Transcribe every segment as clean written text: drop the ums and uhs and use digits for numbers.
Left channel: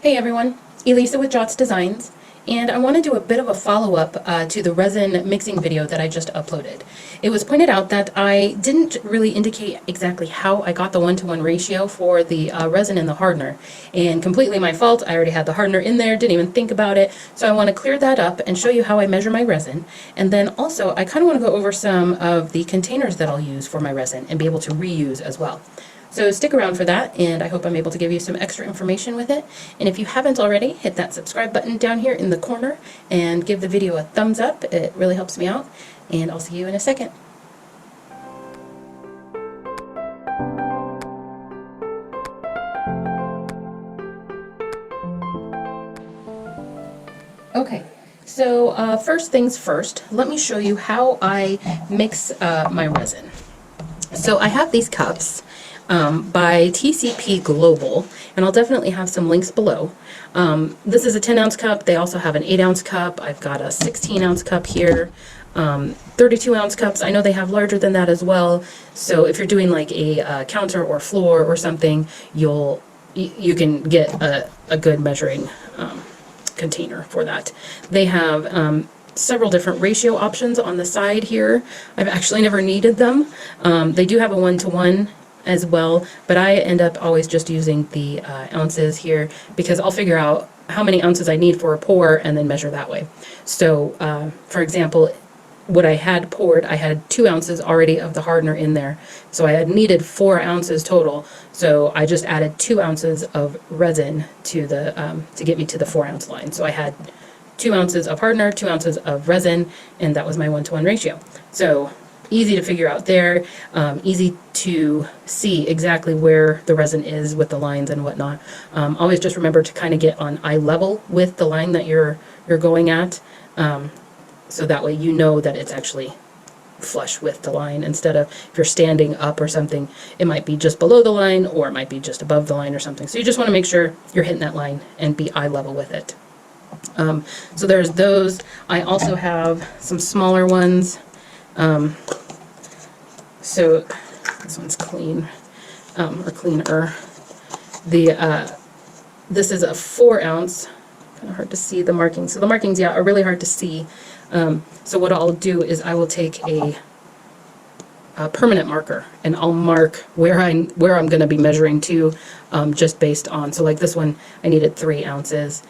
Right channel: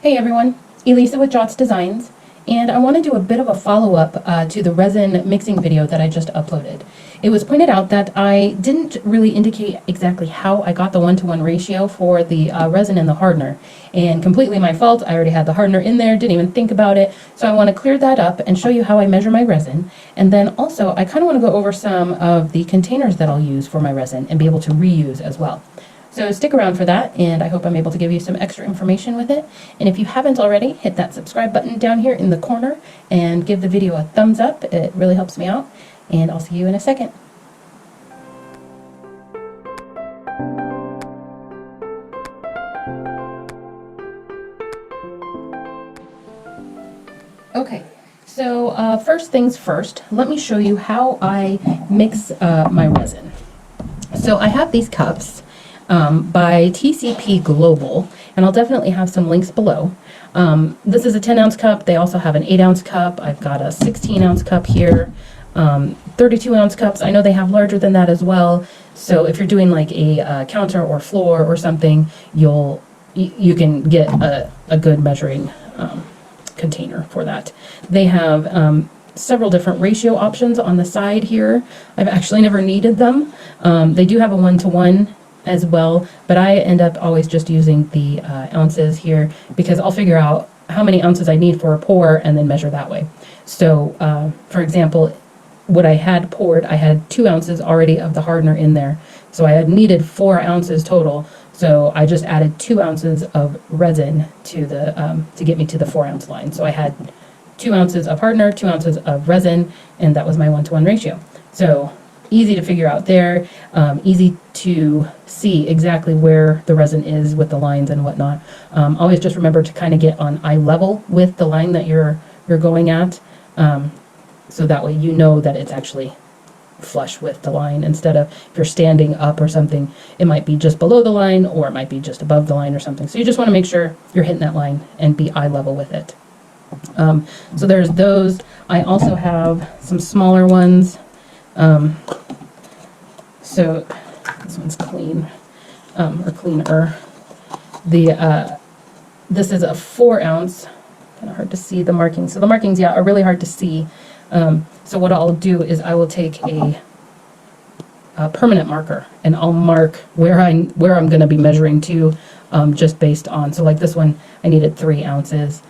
Hey everyone, Elisa with Jots Designs, and I want to do a bit of a follow-up to the resin mixing video that I just uploaded. It was pointed out that I didn't really indicate exactly how I got the one-to-one ratio for the resin and the hardener, and completely my fault. I already had the hardener in there, didn't even think about it, so I want to clear that up and show you how I measure my resin, and then also I kind of want to go over some of the containers that I'll use for my resin and be able to reuse as well. So stick around for that, and I hope I'm able to give you some extra information with it. And if you haven't already, hit that subscribe button down here in the corner and give the video a thumbs up. It really helps me out, and I'll see you in a second. Okay, so first things first, let me show you how I mix my resin. So I have these cups by TCP Global, and I'll definitely have some links below. This is a 10-ounce cup. They also have an 8-ounce cup. I've got a 16-ounce cup here, 32-ounce cups. I know they have larger than that as well. So if you're doing like a counter or floor or something, you can get a good measuring container for that. They have several different ratio options on the side here. I've actually never needed them. They do have a 1-to-1 as well, but I end up always just using the ounces here because I'll figure out how many ounces I need for a pour and then measure that way. So for example, what I had poured, I had 2 ounces already of the hardener in there, so I had needed 4 ounces total, so I just added 2 ounces of resin to the to get me to the 4-ounce line. So I had 2 ounces of hardener, 2 ounces of resin, and that was my 1-to-1 ratio. So easy to figure out there, easy to see exactly where the resin is with the lines and whatnot. Always just remember to kind of get on eye level with the line that you're going at, so that way you know that it's actually flush with the line, instead of if you're standing up or something, it might be just below the line or it might be just above the line or something. So you just want to make sure you're hitting that line and be eye level with it. So there's those. I also have some smaller ones. So this one's clean, or cleaner. This is a 4-ounce. Kind of hard to see the markings. So the markings, yeah, are really hard to see. So what I'll do is I will take a permanent marker and I'll mark where I'm going to be measuring to, just based on. So like this one, I needed 3 ounces.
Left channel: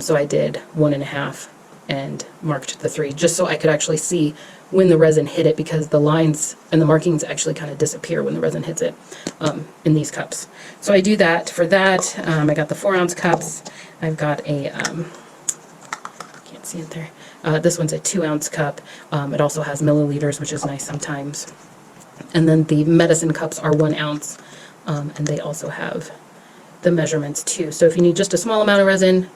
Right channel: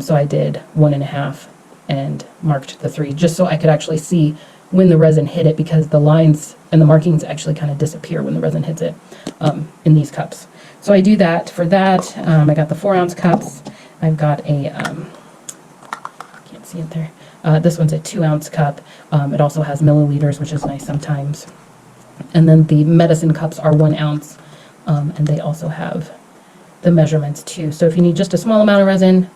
So I did 1.5 and marked the 3, just so I could actually see when the resin hit it, because the lines and the markings actually kind of disappear when the resin hits it in these cups. So I do that for that. I got the 4-ounce cups. I've got a, can't see it there. This one's a 2-ounce cup. It also has milliliters, which is nice sometimes. And then the medicine cups are 1 ounce, and they also have the measurements too. So if you need just a small amount of resin,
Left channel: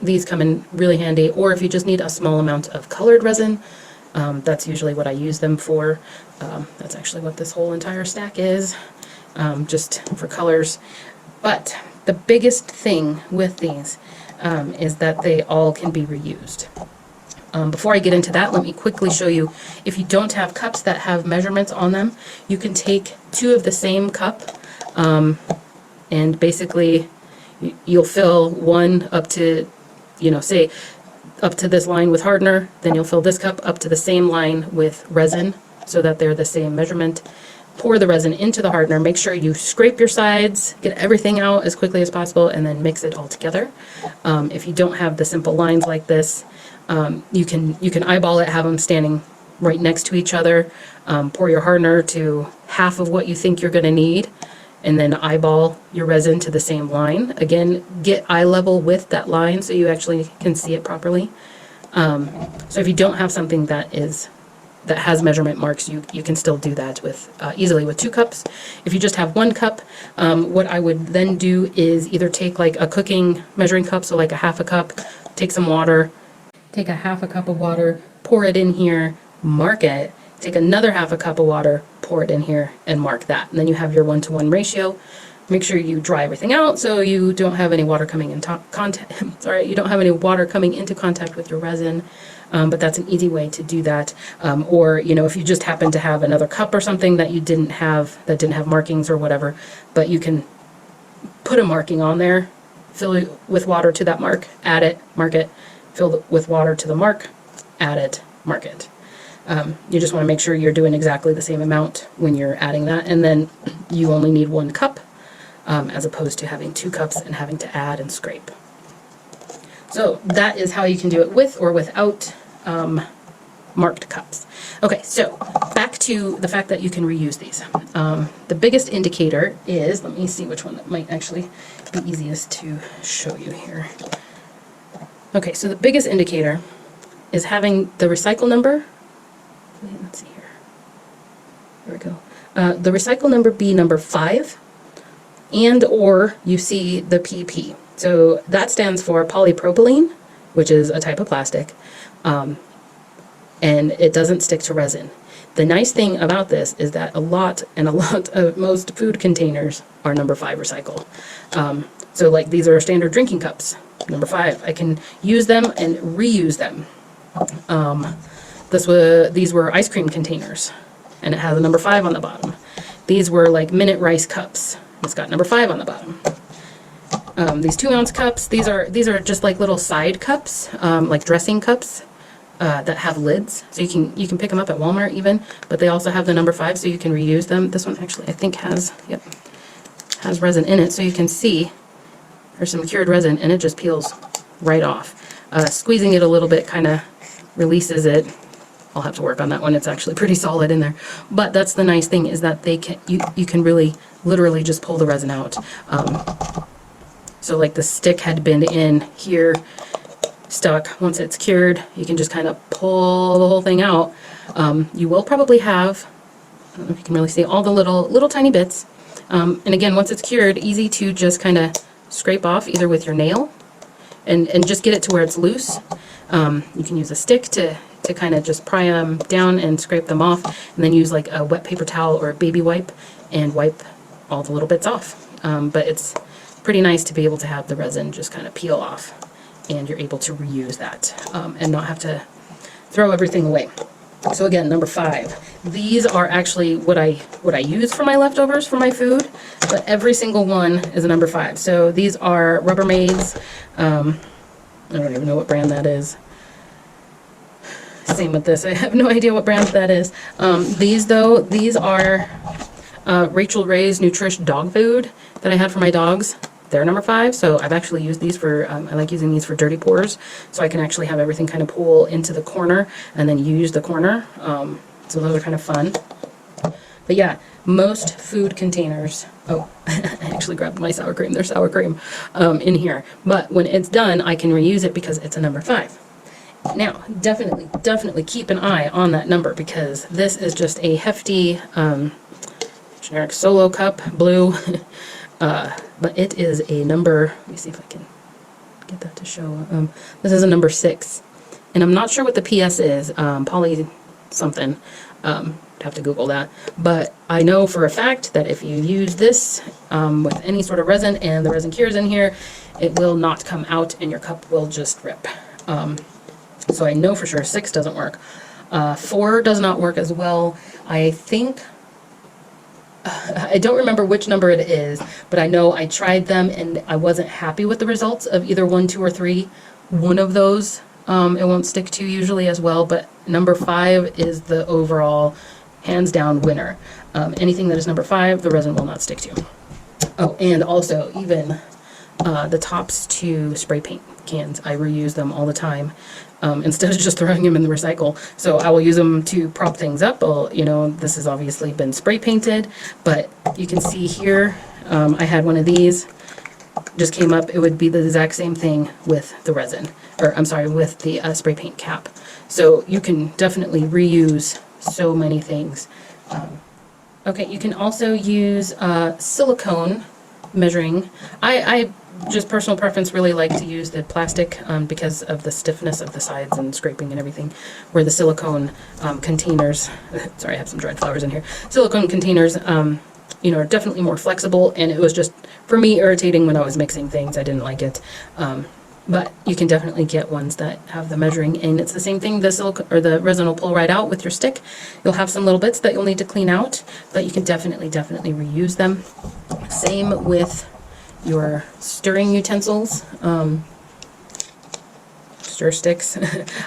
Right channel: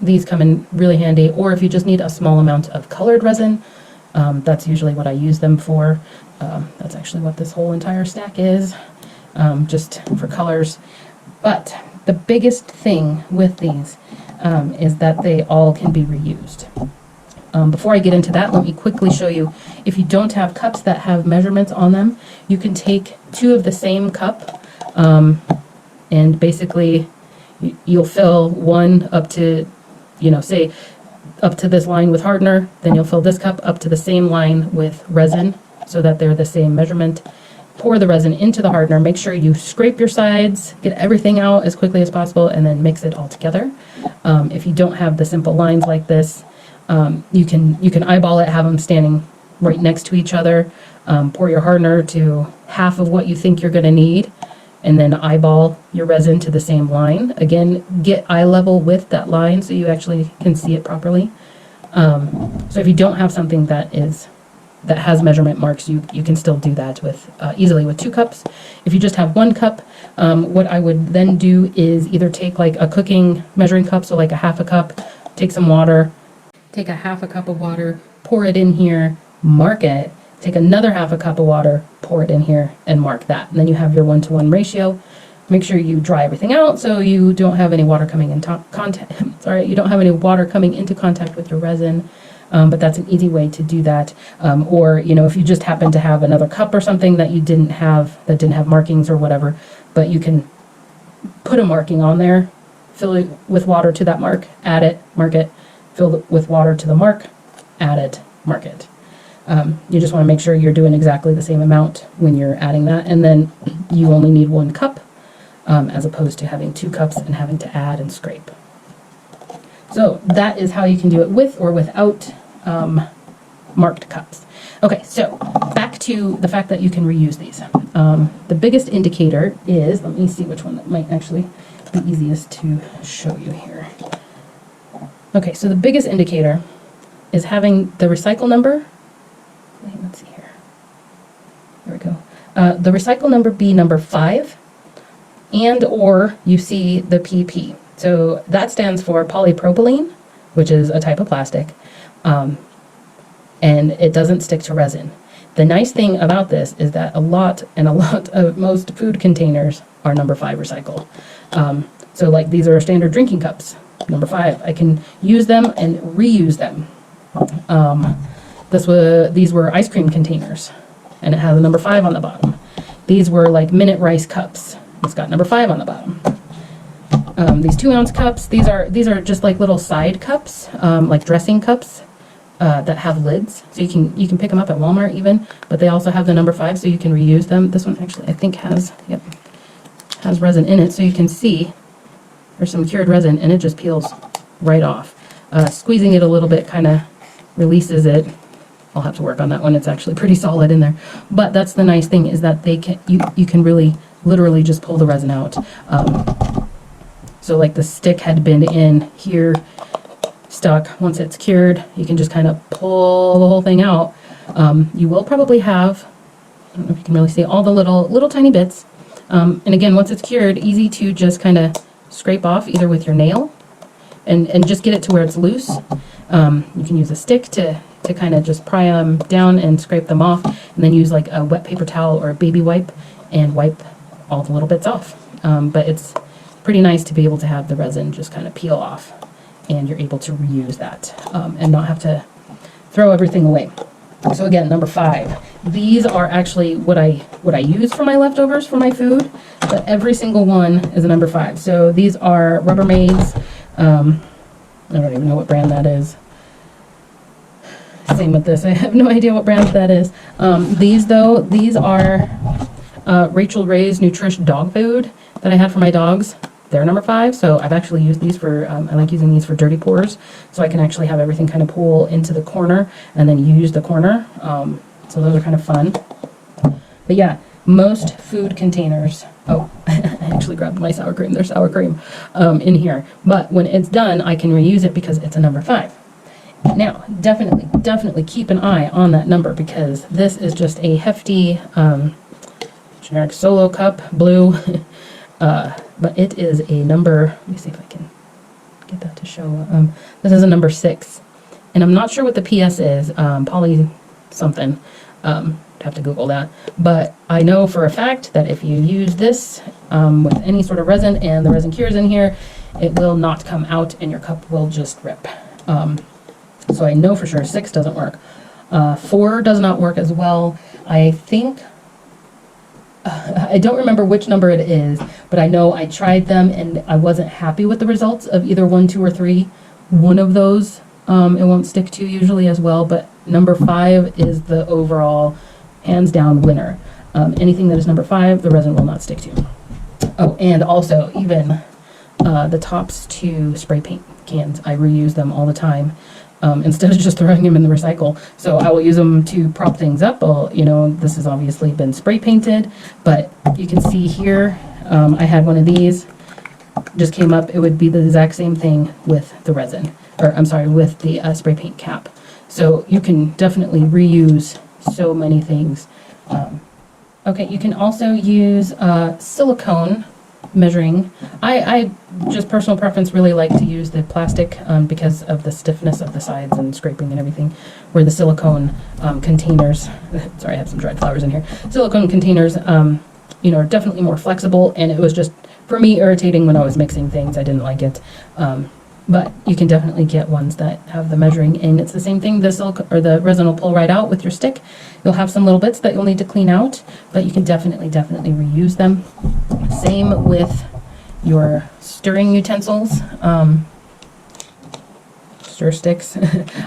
these come in really handy, or if you just need a small amount of colored resin, that's usually what I use them for. That's actually what this whole entire stack is, just for colors. But the biggest thing with these is that they all can be reused. Before I get into that, let me quickly show you, if you don't have cups that have measurements on them, you can take 2 of the same cup, and basically you'll fill one up to, say up to this line with hardener, then you'll fill this cup up to the same line with resin so that they're the same measurement. Pour the resin into the hardener, make sure you scrape your sides, get everything out as quickly as possible, and then mix it all together. If you don't have the simple lines like this, you can eyeball it, have them standing right next to each other, pour your hardener to half of what you think you're going to need, and then eyeball your resin to the same line. Again, get eye level with that line so you actually can see it properly. So if you don't have something that has measurement marks, you can still do that with easily with 2 cups. If you just have 1 cup, what I would then do is either take like a cooking measuring cup, so like a half a cup, take some water, take a half a cup of water, pour it in here, mark it, take another half a cup of water, pour it in here, and mark that. And then you have your 1-to-1 ratio. Make sure you dry everything out so you don't have any water coming into contact. Sorry, you don't have any water coming into contact with your resin. But that's an easy way to do that. Or if you just happen to have another cup or something that you didn't have, that didn't have markings or whatever, but you can put a marking on there, fill it with water to that mark, add it, mark it, fill it with water to the mark, add it, mark it. You just want to make sure you're doing exactly the same amount when you're adding that, and then you only need 1 cup as opposed to having 2 cups and having to add and scrape. So that is how you can do it with or without marked cups. Okay, so back to the fact that you can reuse these. The biggest indicator is, let me see which one might actually be easiest to show you here. Okay, so the biggest indicator is having the recycle number. Let's see here. Here we go. The recycle number be number 5, and or you see the PP. So that stands for polypropylene, which is a type of plastic, and it doesn't stick to resin. The nice thing about this is that a lot of most food containers are number 5 recycle. So like these are standard drinking cups, number 5. I can use them and reuse them. These were ice cream containers, and it has a number 5 on the bottom. These were like minute rice cups. It's got number 5 on the bottom. These 2-ounce cups, these are just like little side cups, like dressing cups that have lids. So you can pick them up at Walmart even, but they also have the number 5, so you can reuse them. This one actually I think has resin in it, so you can see there's some cured resin, and it just peels right off. Squeezing it a little bit kind of releases it. I'll have to work on that one. It's actually pretty solid in there. But that's the nice thing, is that you can really literally just pull the resin out. So like the stick had been in here stuck. Once it's cured, you can just kind of pull the whole thing out. You will probably have, I don't know if you can really see, all the little tiny bits. And again, once it's cured, easy to just kind of scrape off either with your nail and just get it to where it's loose. You can use a stick to kind of just pry them down and scrape them off, and then use like a wet paper towel or a baby wipe and wipe all the little bits off. But it's pretty nice to be able to have the resin just kind of peel off, and you're able to reuse that and not have to throw everything away. So again, number 5. These are actually what I use for my leftovers for my food, but every single one is a number 5. So these are Rubbermaids. I don't even know what brand that is. Same with this. I have no idea what brand that is. These are Rachel Ray's Nutrish dog food that I had for my dogs. They're number 5, so I've actually used these for, I like using these for dirty pours, so I can actually have everything kind of pull into the corner and then use the corner. So those are kind of fun. But yeah, most food containers, oh, I actually grabbed my sour cream. There's sour cream in here. But when it's done, I can reuse it because it's a number 5. Now, definitely keep an eye on that number, because this is just a hefty generic solo cup, blue. But it is a number, let me see if I can get that to show. This is a number 6. And I'm not sure what the PS is, poly something. Have to Google that. But I know for a fact that if you use this with any sort of resin and the resin cures in here, it will not come out and your cup will just rip. So I know for sure 6 doesn't work. 4 does not work as well. I think, I don't remember which number it is, but I know I tried them and I wasn't happy with the results of either 1, 2, or 3. One of those it won't stick to usually as well, but number 5 is the overall hands down winner. Anything that is number 5, the resin will not stick to. Oh, and also even the tops to spray paint cans, I reuse them all the time. Instead of just throwing them in the recycle. So I will use them to prop things up. This has obviously been spray painted, but you can see here, I had one of these, just came up. It would be the exact same thing with the resin, or I'm sorry, with the spray paint cap. So you can definitely reuse so many things. Okay, you can also use silicone measuring. I just personal preference really like to use the plastic because of the stiffness of the sides and scraping and everything, where the silicone containers, sorry I have some dried flowers in here, silicone containers are definitely more flexible, and it was just for me irritating when I was mixing things. I didn't like it. But you can definitely get ones that have the measuring, and it's the same thing. The resin will pull right out with your stick. You'll have some little bits that you'll need to clean out, but you can definitely reuse them. Same with your stirring utensils, stir sticks.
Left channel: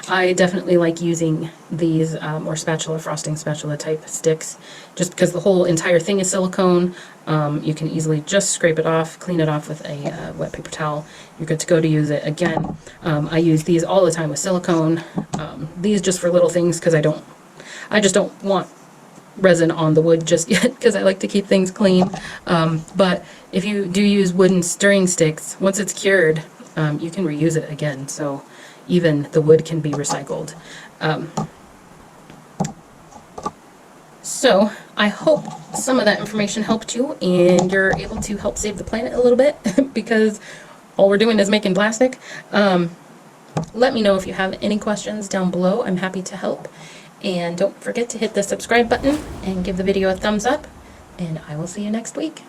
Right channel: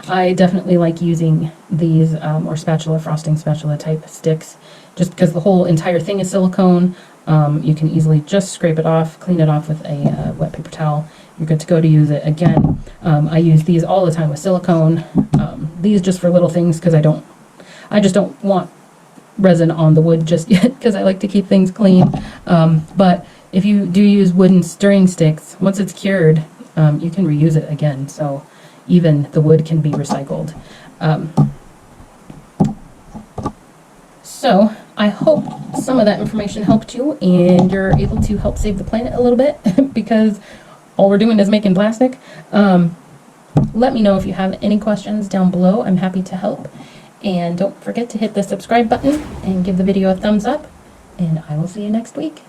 I definitely like using these or spatula, frosting spatula type sticks, just because the whole entire thing is silicone. You can easily just scrape it off, clean it off with a wet paper towel. You're good to go to use it again. I use these all the time with silicone. These just for little things because I just don't want resin on the wood just yet because I like to keep things clean. But if you do use wooden stirring sticks, once it's cured, you can reuse it again. So even the wood can be recycled. So I hope some of that information helped you and you're able to help save the planet a little bit because all we're doing is making plastic. Let me know if you have any questions down below. I'm happy to help. And don't forget to hit the subscribe button and give the video a thumbs up. And I will see you next week.